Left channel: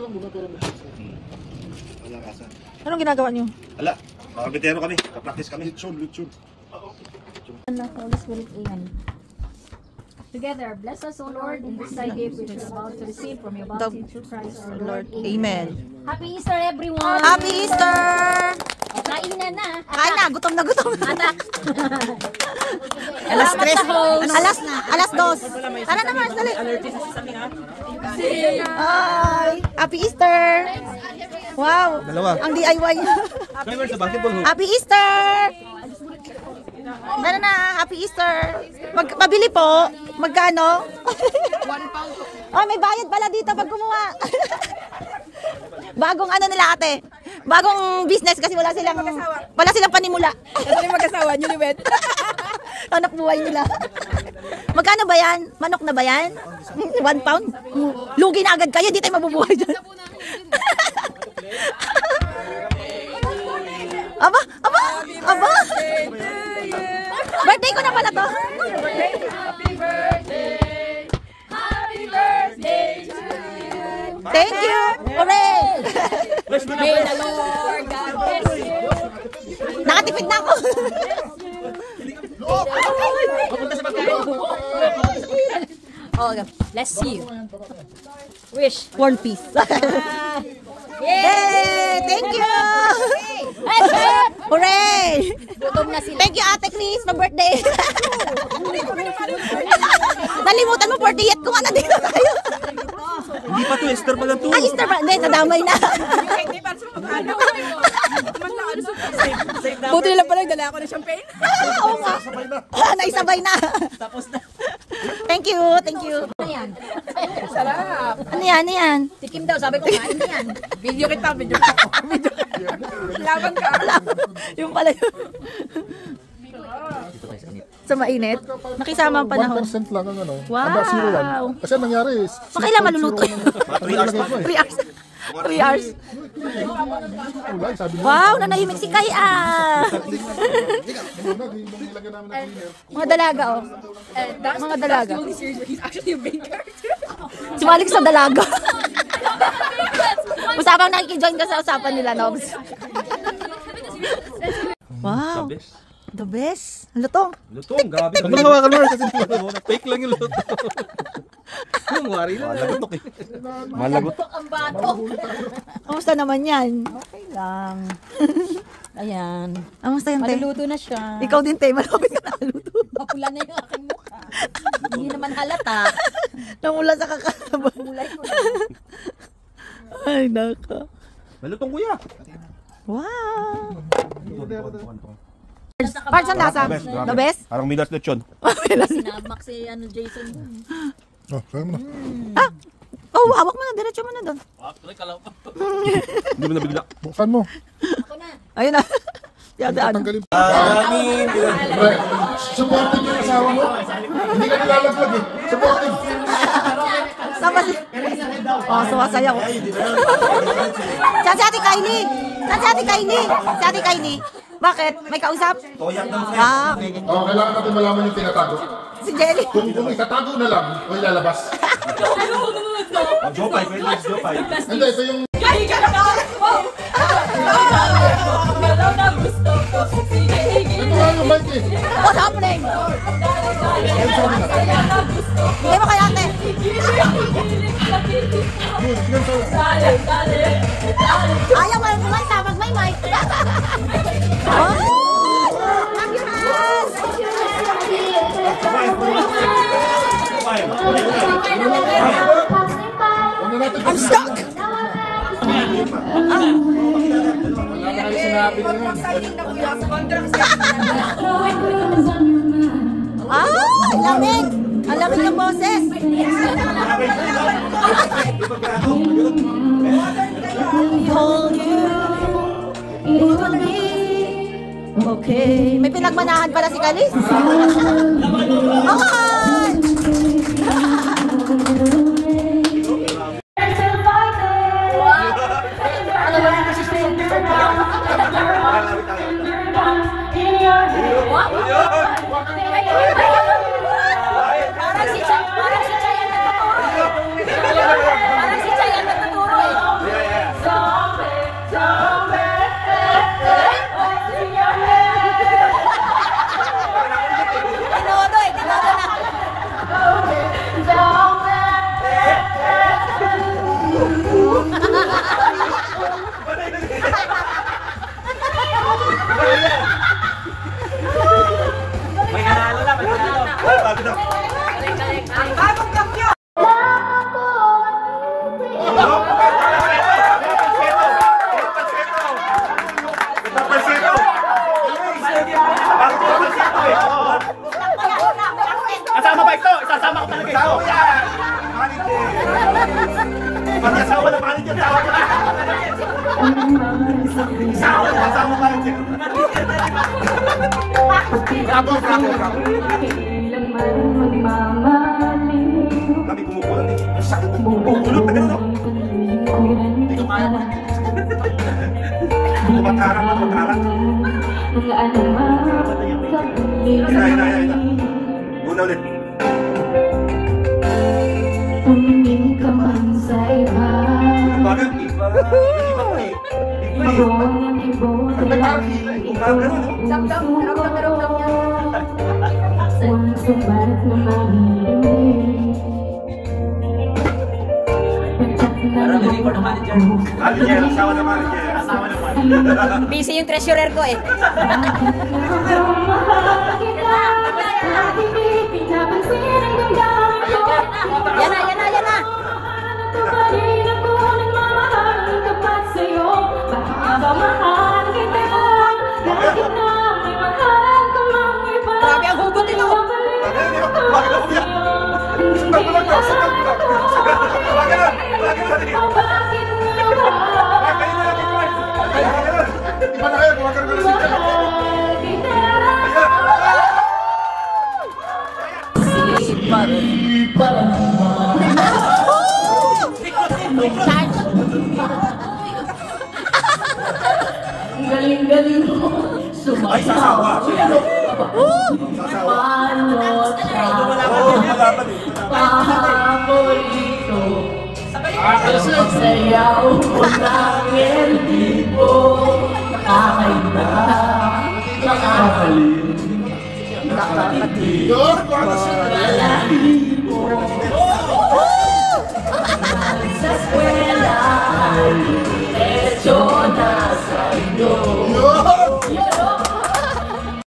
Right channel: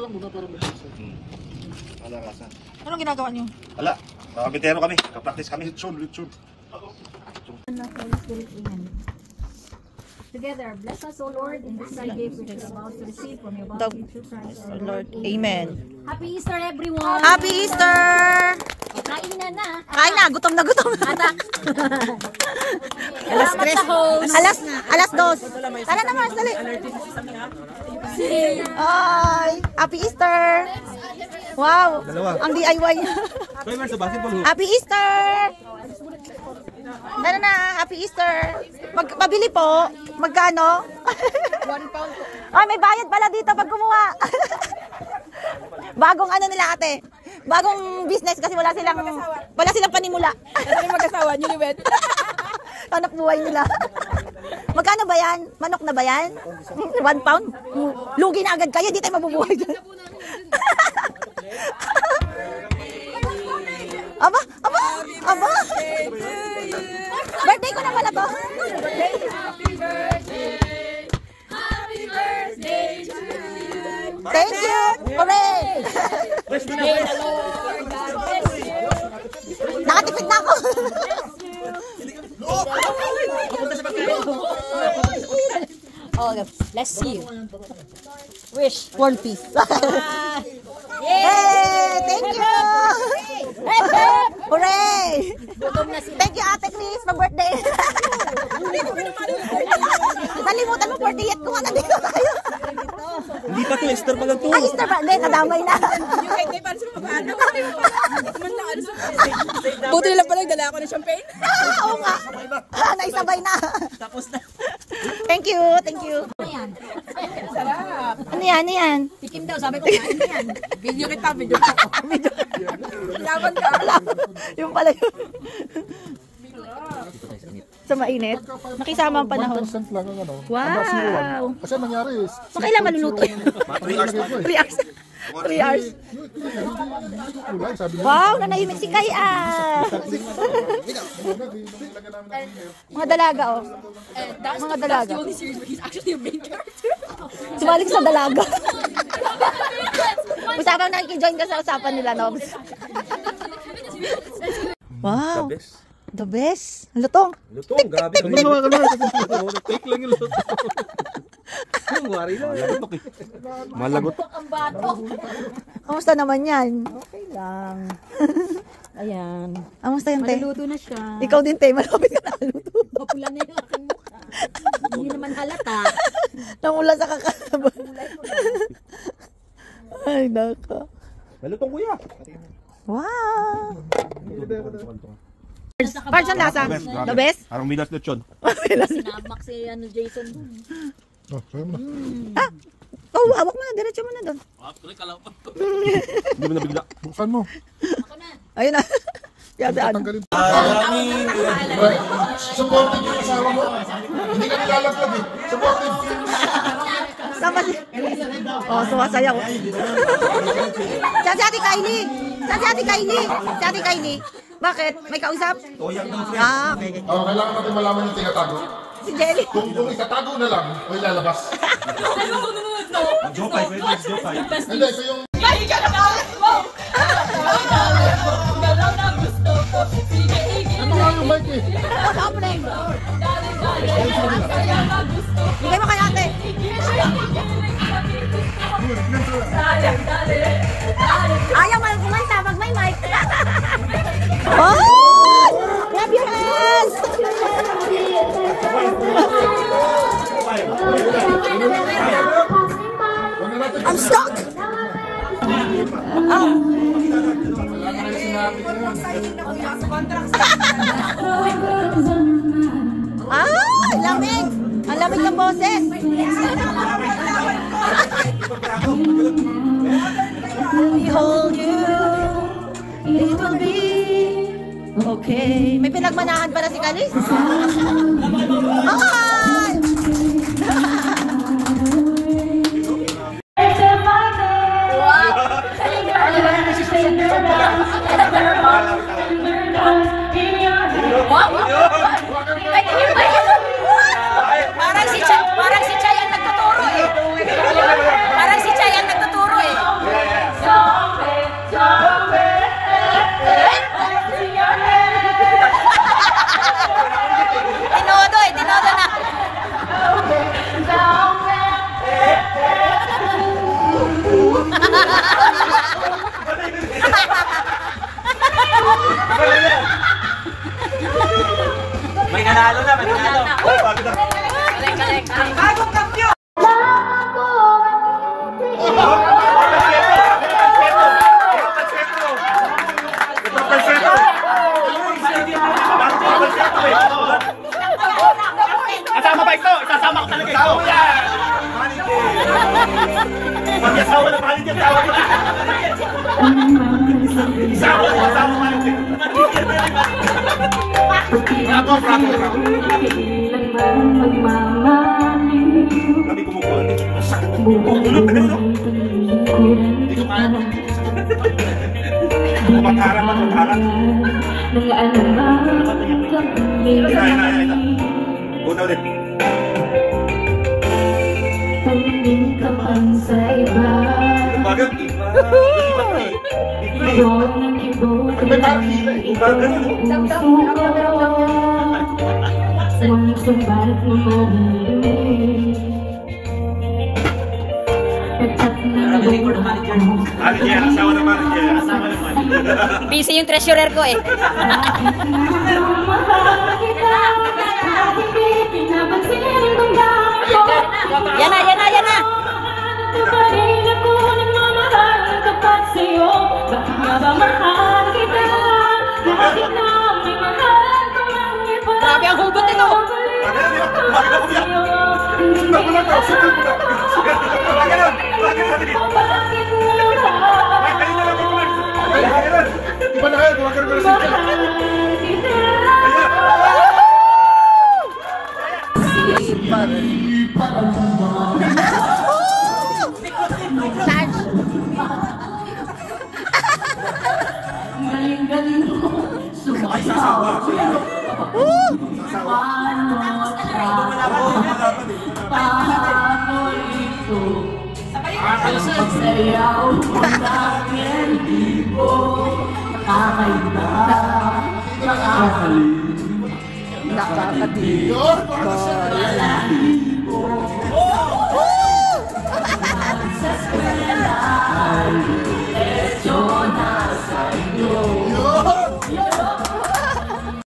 lang muna pero Wala rasa. Anong ginagawa niyo? Wala. Kakabitero kami. Kapractice kami. Lechon. Holy Spirit, amen. Together, bless us, O Lord, in this thy gift which is about to receive from your bounty through Christ our Lord. Amen. Happy Easter, everyone! Happy Easter! Kain na! Kain na, gutom na gutom. Anak! Alas 3. Alas 2. Tara na, Mars, dali. Ay, Happy Easter! Wow, ang DIY. Happy Easter! Tara na, Happy Easter! Mabili po. Magkano? 1 pound. Ay, may bayad pala dito pag kumuha. Bagong ano nila ate. Bagong business kasi wala silang panimula. Kasi mag-asawa, newlywed. Hanap buhay nila. Magkano ba yan? Manok na ba yan? 1 pound? Lugi na agad kayo, di tayo mabubuhay dyan. Aba! Birthday ko na pala to. Happy birthday to you. Thank you. Hooray! May the Lord God bless you. Nakatipid na ako. Oh, bless you. Wish. One piece. Yay! Thank you! Hooray! Thank you, Ate Chris, for birthday. Nalimutan mo, 48 ko nga na dito tayo. Hindi pa to, Esther pa lang to. Ay, Easter pa. Hindi, nadamay na. Buti nila pala, dala ako ng champagne. Oo nga. Naisabay na. Tapos na. Thank you. Ano yan? Sarap. Ano yan? Tikim daw, sabi ko, ano yan? Video kita. Laban ka. Yung pala yun. Sa mainit. Nakisama ang panahon. 1% lang ang ano. Wow. Kasi ang nangyari is... Makailan maluluto yun? 3 hours. 3 hours. Wow, nanahimik si Kai ah. Mga dalaga oh. Mga dalaga. He's actually a main character. Sumalik sa dalaga. Usapang nakikijoin ka sa usapan nila, Nobs. Wow. The best. Lutong. Lutong, grabe. Hindi hawakan mo. Fake lang yung lutong. Yung wari lang. Malagot. Kamusta naman yan? Okay lang. Ayan. Kamusta yung te? Maluluto na siya. Ikaw din te, malapit ka na maluto. Mapula na yung aking mukha. Hindi naman halata. Namula sa kakalaban. Ay, naka. Malutong kuya. Wow. Parts ang lasa. The best? Parang milas lechon. Sinabak si Jason dun. Oh, kaya mo na. Oh, hawak mo na. Diretso mo na doon. Hindi mo nabigla. Buksan mo. Ayun na. Yata ano. Tanggalin. Supportive yung asawa mo. Hindi ka nilalaglag eh. Supportive. Sama si... Oh, sumasaya ko. Saan si Ate Kylie? Si Ate Kylie. Bakit? May kausap? Ah, okay. Oh, kailangan natin malaman yung tinatago. Si Jelly. Kung itatago na lang, o ilalabas. Jopay. Hindi, ito yung... Ano nga yung mic eh? What's happening? Ayun sa kanila. Bigay mo kay ate. Ayaw mo lang kumanta pag may mic. Oh! Clap your hands! I'm stuck! Ah, lamig! Ang lamig ng boses! We hold you, it will be okay. May pinagmanahan pala si Kalis. Okay! Parang si Chay ang nagtuturo eh. ko talaga ito. Manager. Mag-asawa na manager. Tawag ko na. Isawa na asawa manager. Bravo, bravo, bravo. Kami kumukulat. Sakit. Bumulot na gano'n. Hindi ko kaya pa. Kumakarang na, kumakarang. Ina. Go na ulit. Tumingin ka man sa iba. Bagat, iba. May parang hila eh. Bagat, ano? Walang sumbat na maririnig. Manager, asawa na manager. Asawa na manager. Busy yung treasurer ko eh. Yan na. Grabe ang hugot nito. Bakit ako niya? Sundal mo lang daw, sundal mo lang. Bakit na? Bakit na din? Bakit na lang ito? Bakit na? Iba na kayo, huwag ka rin siya. Galing-galing mo. Ay, sasawa. Paborito. Sayaw mo lang hindi mo nakakaita. Nakakatiyo. Sa eskwela ay